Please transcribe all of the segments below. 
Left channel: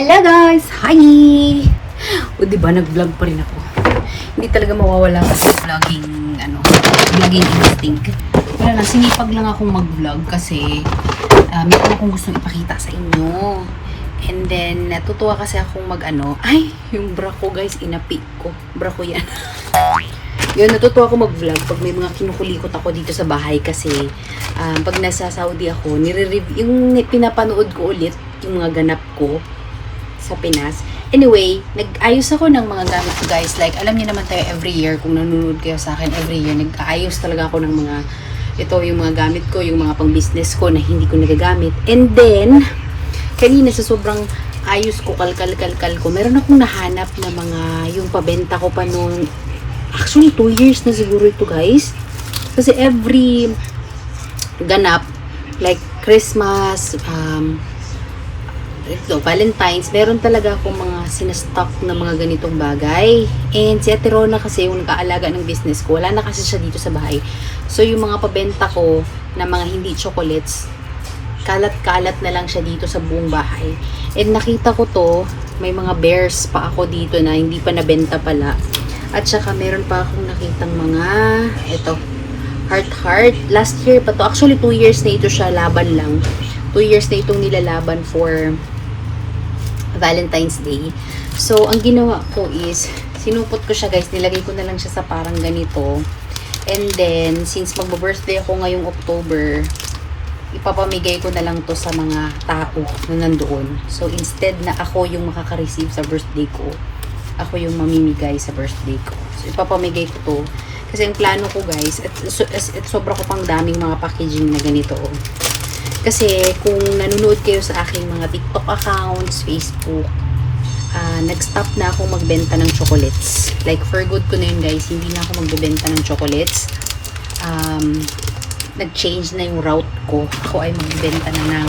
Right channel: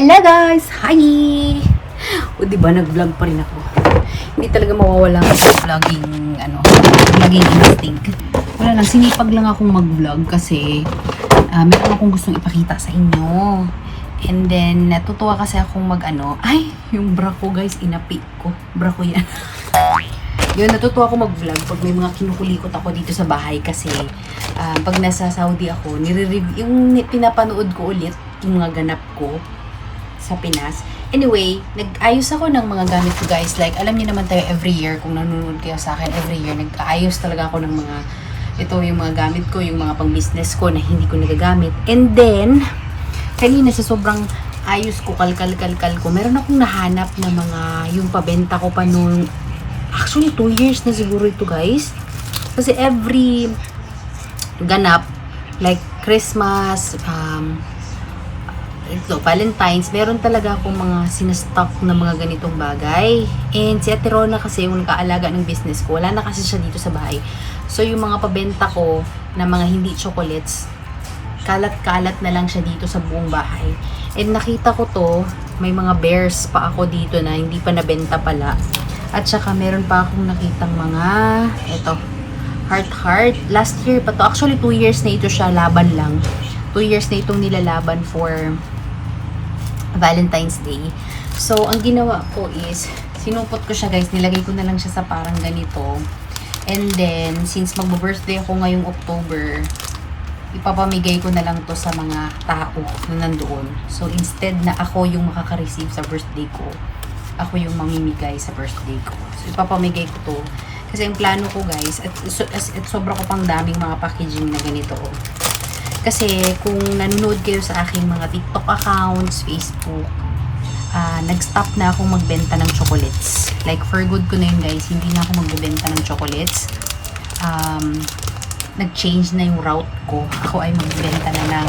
Hello guys! Hi! O diba, nag-vlog pa rin ako. Hindi talaga mawawala ko sa vlogging instinct. Wala lang, sinipag lang akong mag-vlog kasi meron akong gustong ipakita sa inyo. And then, natutuwa kasi akong yung bra ko guys, inapik ko. Bra ko yan. Yun, natutuwa ako mag-vlog pag may mga kinukulikot ako dito sa bahay kasi pag nasa Saudi ako, yung pinapanood ko ulit yung mga ganap ko sa Pinas. Anyway, nag-ayos ako ng mga gamit ko guys. Like, alam niyo naman tayo every year, kung nanonood kayo sa akin, every year, nag-aayos talaga ako ng yung mga gamit ko, yung mga pang-business ko na hindi ko nagagamit. And then, kanina sa sobrang ayos ko, kalkal ko, meron akong nahanap na yung pabenta ko pa noon. Actually, 2 years na siguro ito guys. Kasi every ganap, like Christmas, Valentine's, meron talaga akong mga sinastock na mga ganitong bagay. And si Ate Rona kasi yung nag-aalaga ng business ko, wala na kasi siya dito sa bahay. So yung mga pabenta ko na mga hindi chocolates, kalat-kalat na lang siya dito sa buong bahay. And nakita ko to, may mga bears pa ako dito na hindi pa nabenta pala. At saka meron pa akong nakitang heart. Last year pa to. Actually 2 years na ito siya, laban lang. 2 years na itong nilalaban for Valentine's Day. So, ang ginawa ko is, sinupot ko siya guys, nilagay ko na lang siya sa parang ganito. And then, since magbo-birthday ako ngayong October, ipapamigay ko na lang to sa mga tao na nandoon. So, instead na ako yung makaka-receive sa birthday ko, ako yung mamimigay sa birthday ko. So, ipapamigay ko to. Kasi ang plano ko guys, at sobra ko pang daming mga packaging na ganito. Kasi kung nanonood kayo sa aking mga TikTok accounts, Facebook, nag-stop na akong magbenta ng chocolates. Like for good ko na yun guys, hindi na ako magbebenta ng chocolates. Nag-change na yung route ko. Ako ay magbebenta na ng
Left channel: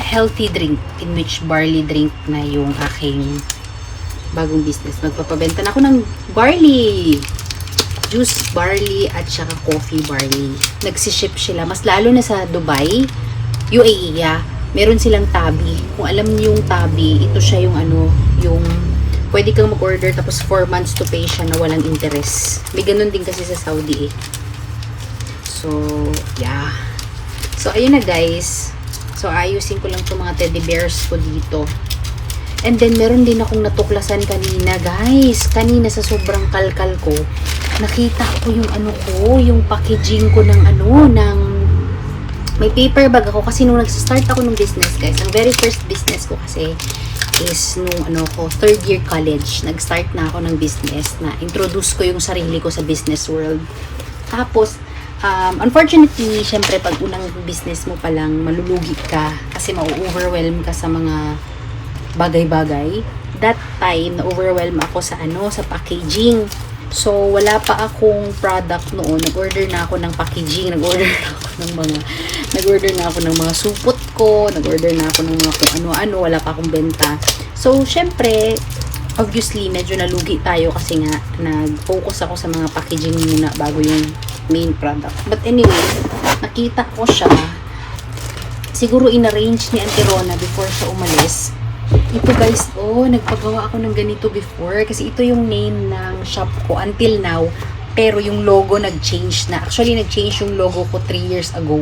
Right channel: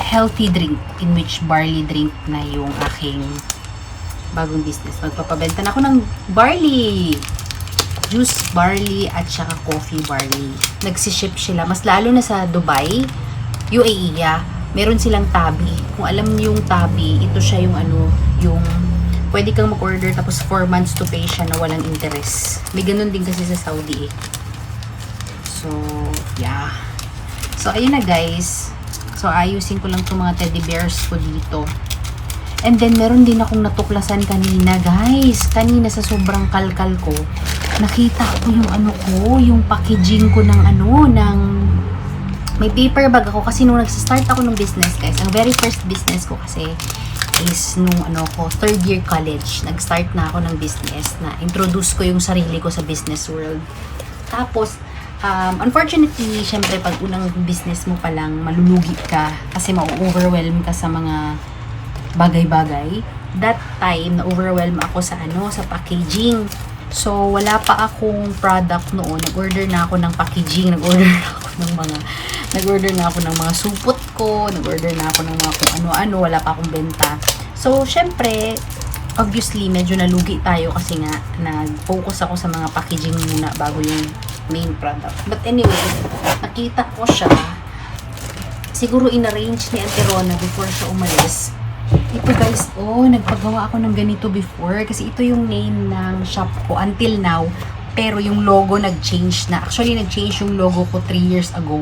healthy drink, in which barley drink na yung aking bagong business. Magpapabenta na ako ng barley juice barley at saka coffee barley. Nagsiship sila. Mas lalo na sa Dubai, UAE, meron silang tabi. Kung alam niyo yung tabi, ito siya yung yung pwede kang mag-order tapos 4 months to pay siya na walang interest. May ganun din kasi sa Saudi eh. So, yeah. So, ayun na guys. So, ayusin ko lang itong mga teddy bears ko dito. And then, meron din akong natuklasan kanina guys. Kanina sa sobrang kalkal ko, nakita ko yung packaging ko ng may paper bag ako kasi nung nagsa-start ako ng business guys, ang very first business ko kasi is nung 3rd year college, nag-start na ako ng business na introduce ko yung sarili ko sa business world. Tapos, unfortunately, syempre pag unang business mo pa lang, malulugi ka kasi ma-overwhelm ka sa mga bagay-bagay. That time, na-overwhelm ako sa packaging. So, wala pa akong product noon. Nag-order na ako ng packaging. Nag-order na ako ng mga supot ko. Nag-order na ako ng mga kung ano-ano. Wala pa akong benta. So, syempre, obviously, medyo nalugi tayo kasi nga, nag-focus ako sa mga packaging muna bago yung main product. But anyway, nakita ko siya. Siguro in-arrange ni Auntie Rona before siya umalis. Ito guys, nagpagawa ako ng ganito before kasi ito yung name ng shop ko until now, pero yung logo nag-change na. Actually, nag-change yung logo ko 3 years ago.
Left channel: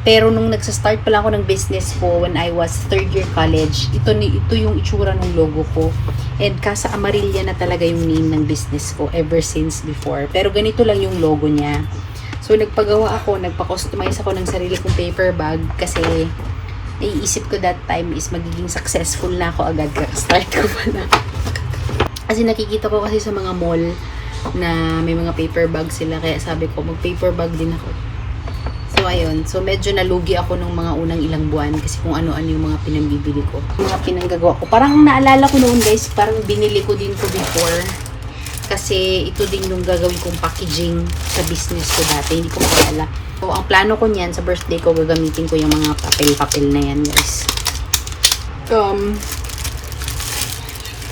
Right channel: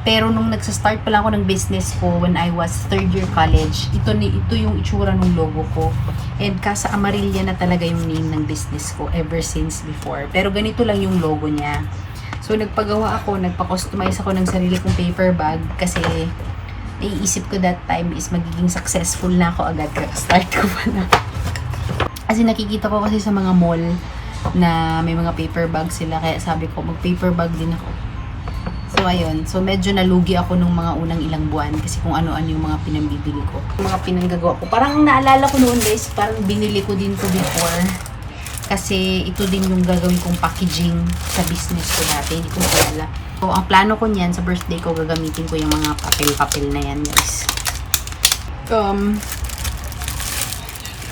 Pero nung nagsa-start pa lang ako ng business ko when I was 3rd year college, ito yung itsura ng logo ko. And Casa Amarilla na talaga yung name ng business ko ever since before. Pero ganito lang yung logo niya. So, nagpagawa ako, nagpa-customize ako ng sarili kong paper bag kasi naiisip ko that time is magiging successful na ako agad. Start ko pa na. Kasi nakikita ko kasi sa mga mall na may mga paper bag sila. Kaya sabi ko, mag-paper bag din ako. So, ayun. So, medyo nalugi ako nung mga unang ilang buwan kasi kung ano-ano yung mga pinambibili ko. Mga pinanggagawa ko. Parang naalala ko noon guys, parang binili ko din to before. Kasi ito din yung gagawin kong packaging sa business ko dati. Hindi ko maalala. So, ang plano ko niyan, sa birthday ko, gagamitin ko yung mga papel-papel na yan, guys.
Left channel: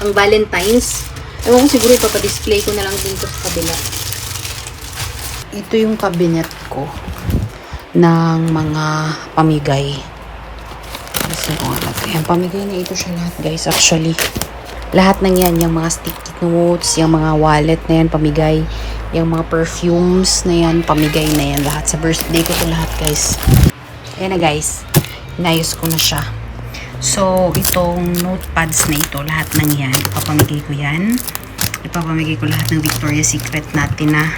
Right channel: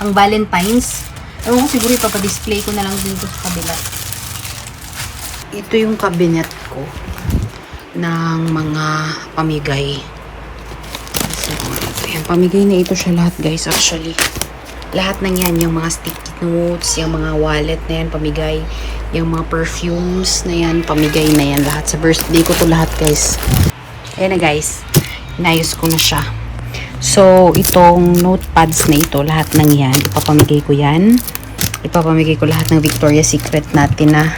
Ang Valentine's, ewan ko siguro ipapadisplay ko na lang dito sa kabila. Ito yung cabinet ko ng mga pamigay. Kasi kung ano to. Ayan, pamigay na ito siya lahat guys actually. Lahat ng yan, yung mga sticky notes, yung mga wallet na yan, pamigay. Yung mga perfumes na yan, pamigay na yan. Lahat sa birthday ko to lahat guys. Ayan na guys, inayos ko na siya. So, itong notepads na ito, lahat ng yan, ipapamigay ko yan. Ipapamigay ko lahat ng Victoria's Secret natin na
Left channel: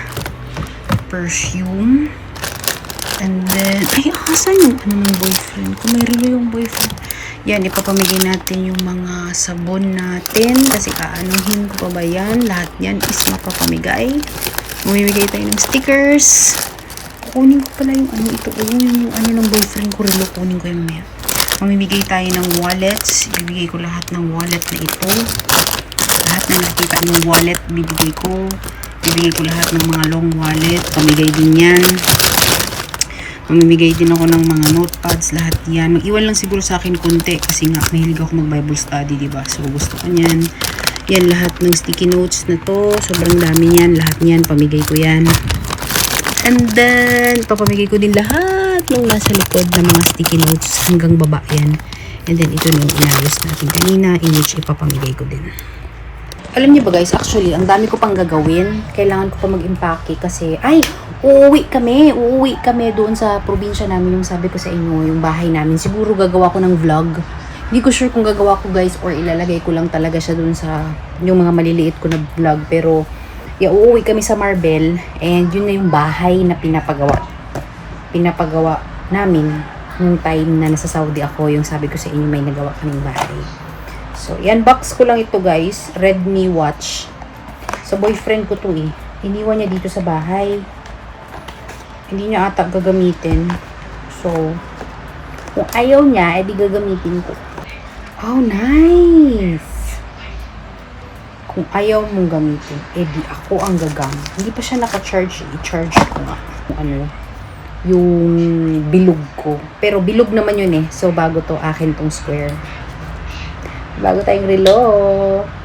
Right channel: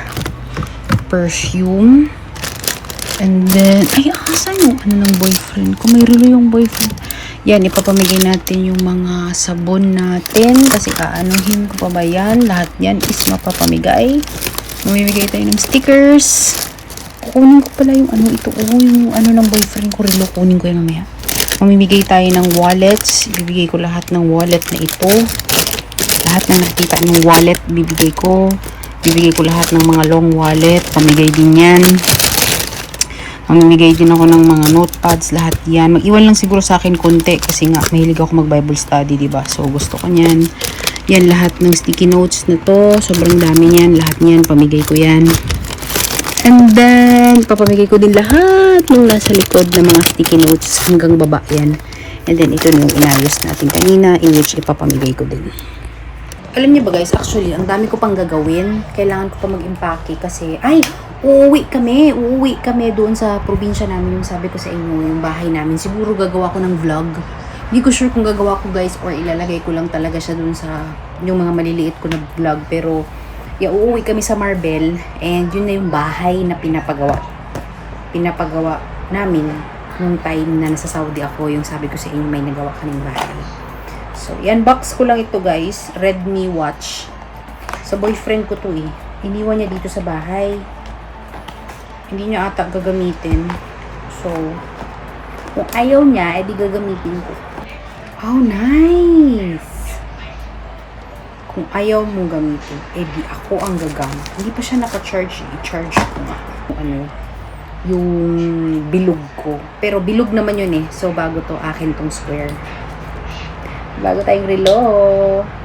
perfume. And then, ay, asan yung ano ng boyfriend ko? May relo yung boyfriend. Yan, ipapamigay natin yung mga sabon natin. Kasi aanuhin ko pa ba yan? Lahat yan is mapapamigay. Mamimigay tayo ng stickers. Kunin ko pala yung ano ito. Oh, yung ano ng boyfriend ko. Relo, kunin ko yan mamaya. Mamimigay tayo ng wallets. Ibibigay ko lahat ng wallet na ito. Lahat na nakikita ng wallet, bibigay ko. Bibigay ko lahat ng mga long wallet. Pamigay din yan. Mamimigay din ako ng mga notepads, lahat yan. Mag-iwan lang siguro sa akin konti kasi nga mahilig ako mag-Bible study, diba? So, gusto ko yan. Yan, lahat ng sticky notes na to. Sobrang dami yan. Lahat yan, pamigay ko yan. And then, papamigay ko din lahat ng nasa likod ng mga sticky notes hanggang baba yan. And then, ito na yung inayos natin kanina, in which ipapamigay ko din. Alam niyo ba guys, actually, ang dami ko pang gagawin. Kailangan ko pa mag-impake kasi, ay, uuwi kami doon sa probinsya namin, yung sabi ko sa inyo, yung bahay namin. Siguro gagawa ko ng vlog. Hindi ko sure kung gagawa ko guys or ilalagay ko lang talaga siya doon sa, yung mga maliliit ko na vlog. Pero, uuwi kami sa Marbel and yun na yung bahay na pinapagawa. Pinapagawa namin nung time na nasa Saudi ako, yung sabi ko sa inyo may nagawa kaming bahay. So, yan, box ko lang ito guys. Redmi watch. Sa boyfriend ko to eh. Iniwan niya dito sa bahay. Hindi niya ata gagamitin. So, kung ayaw niya, edi gagamitin ko. Oh, nice! Kung ayaw mong gamitin, edi ako ang gagamit. Hindi pa siya naka-charge. I-charge ko nga. Kung ano, yung bilog ko. Pero bilog naman yun eh. So, bago to, akin tong square. Bago tayong relo.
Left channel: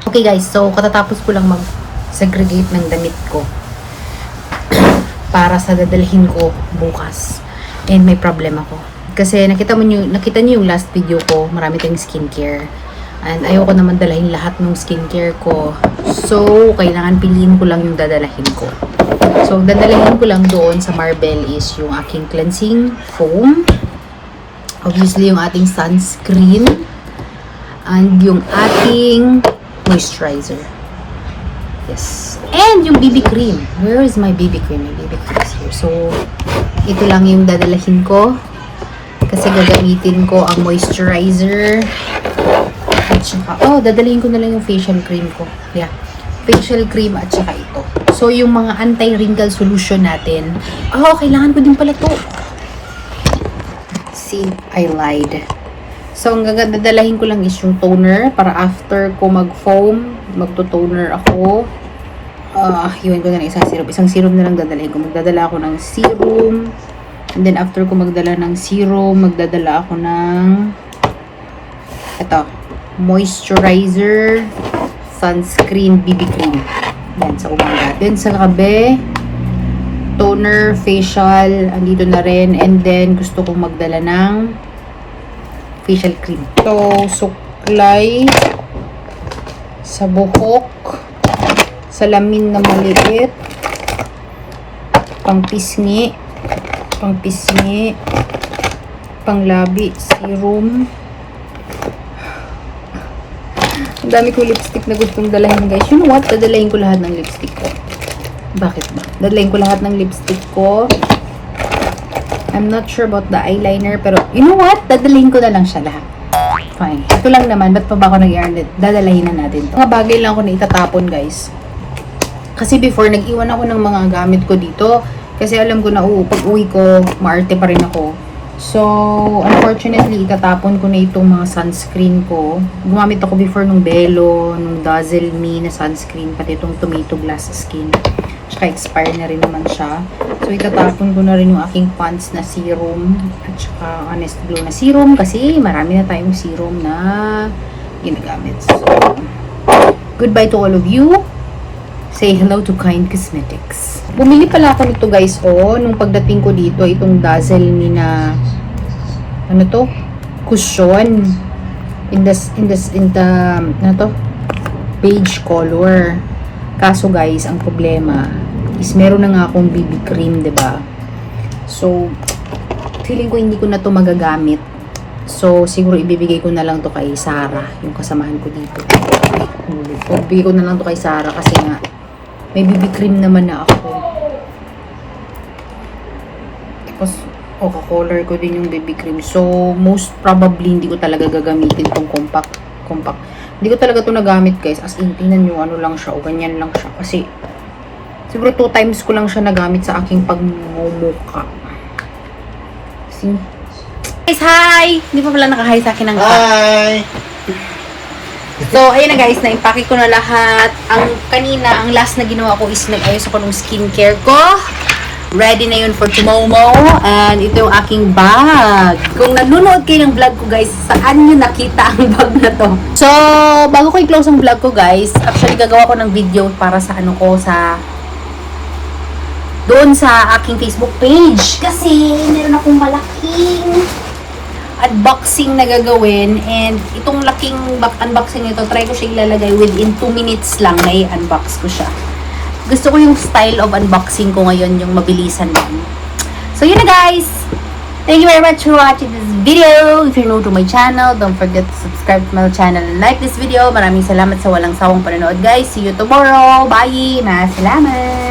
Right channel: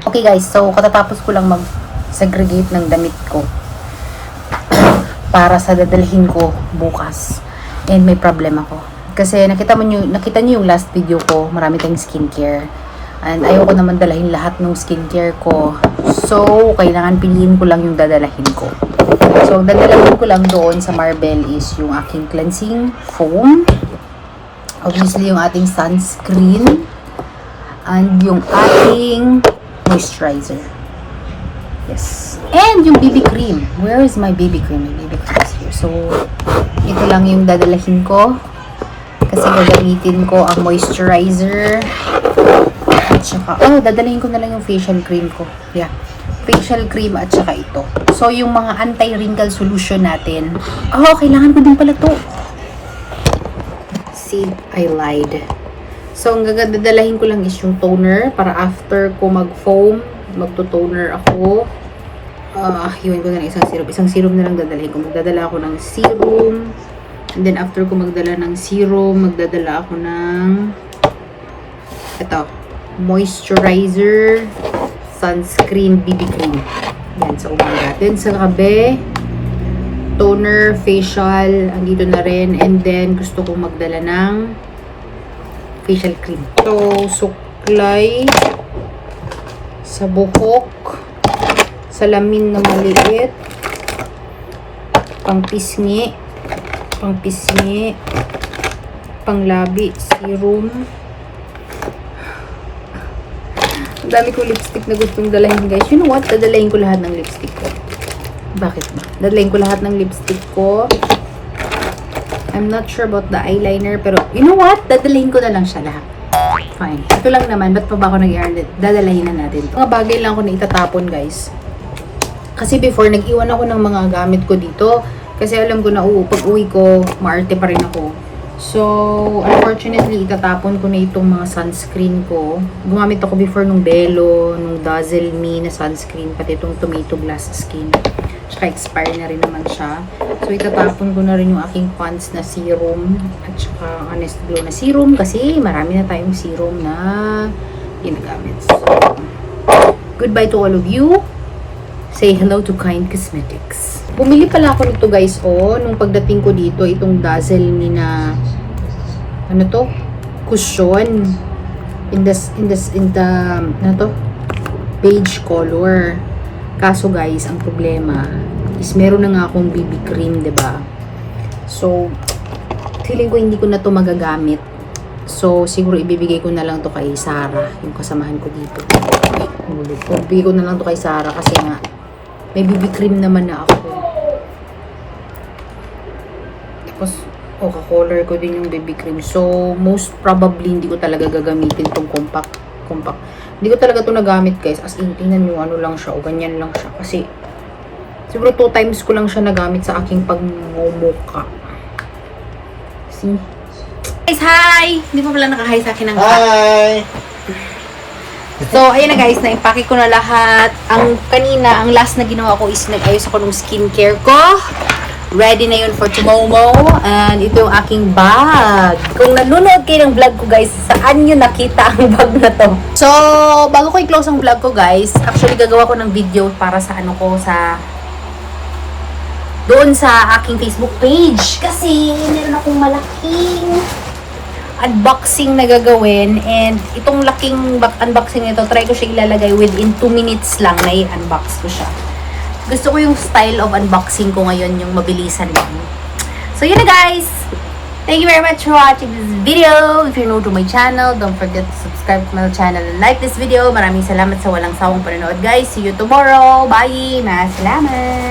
Okay guys, so katatapos ko lang mag-segregate ng damit ko para sa dadalhin ko bukas. And may problem ako. Kasi nakita niyo yung last video ko, marami tayong skincare. And ayoko naman dalahin lahat ng skincare ko. So, kailangan piliin ko lang yung dadalahin ko. So, ang dadalahin ko lang doon sa Marbel is yung aking cleansing foam. Obviously, yung ating sunscreen. And yung ating moisturizer. Yes. And yung BB cream. Where is my BB cream? My BB cream is here. So, ito lang yung dadalahin ko. Kasi gagamitin ko ang moisturizer. At saka, dadalahin ko na lang yung facial cream ko. Yeah. Facial cream at saka ito. So, yung mga anti-wrinkle solution natin. Kailangan ko din pala to. See, I lied. So, ang dadalahin ko lang is yung toner para after ko mag-foam, magto-toner ako. Iwan ko na ng isang serum. Isang serum na lang dadalahin ko. Magdadala ako ng serum. And then, after ko magdala ng serum, magdadala ako ng moisturizer, sunscreen, BB cream. Yan, sa umaga. Then, sa gabi, toner, facial, andito na rin. And then, gusto kong magdala ng facial cream. So, suklay sa buhok, salamin na maliit, pangpisngi, panglabi, serum. Ang dami ko lipstick na gustong dalahin guys. You know what? Dadalahin ko lahat ng lipstick ko. Bakit ba? Dadalahin ko lahat ng lipstick ko. I'm not sure about the eyeliner, pero you know what? Dadalhin ko na lang siya lahat. Fine. Ito lang naman, ba't pa ba ako nag-i-iron? Dadalahin na natin. Mga bagay lang ako na itatapon, guys. Kasi before, nag-iwan ako ng mga gamit ko dito. Kasi alam ko na, pag uwi ko, maarte pa rin ako. So, unfortunately, itatapon ko na itong mga sunscreen ko. Gumamit ako before nung Belo, nung Dazzle Me na sunscreen, pati itong Tomato Glass Skin. Tsaka expire na rin naman siya. So, itatapon ko na rin yung aking Pond's na serum. At saka Honest Glow na serum. Kasi marami na tayong serum na ginagamit. So, goodbye to all of you. Say hello to Kind Cosmetics. Bumili pala ako nito guys, nung pagdating ko dito, itong Dazzle Me na, cushion. in the ano to? Beige color. Kaso guys, ang problema is meron na nga akong BB cream, 'di ba? So, feeling ko hindi ko na to magagamit. So, siguro ibibigay ko na lang to kay Sarah, yung kasamahan ko dito. So, ibibigay ko na lang to kay Sarah kasi nga may BB cream naman na ako. Tapos, ka-color ko din yung BB cream. So, most probably, hindi ko talaga gagamitin tong compact. Hindi ko talaga to nagamit, guys. As in, tingnan nyo, ano lang siya, o ganyan lang siya. Kasi, siguro 2 times ko lang siya nagamit sa aking pagmumuka. See? Guys, hi! Hindi pa pala naka-hi sa akin ng Hi! So, ayun na guys, na-impake ko na lahat. Ang kanina, ang last na ginawa ko is nag-ayos ako ng skincare ko. Ready na yun for tomorrow. And ito yung aking bag. Kung nanonood kayo ng vlog ko guys, saan nyo nakita ang bag na to? So, bago ko i-close ang vlog ko guys, actually gagawa ko ng video para sa ano ko, doon sa aking Facebook page. Kasi meron akong malaking unboxing na gagawin. And itong laking unboxing nito, try ko siya ilalagay within 2 minutes lang na i-unbox ko siya. Gusto ko yung style of unboxing ko ngayon, yung mabilisan lang. So, yun na guys! Thank you very much for watching this video. If you're new to my channel, don't forget to subscribe to my channel and like this video. Maraming salamat sa walang sawang panonood guys. See you tomorrow. Bye! Salamat!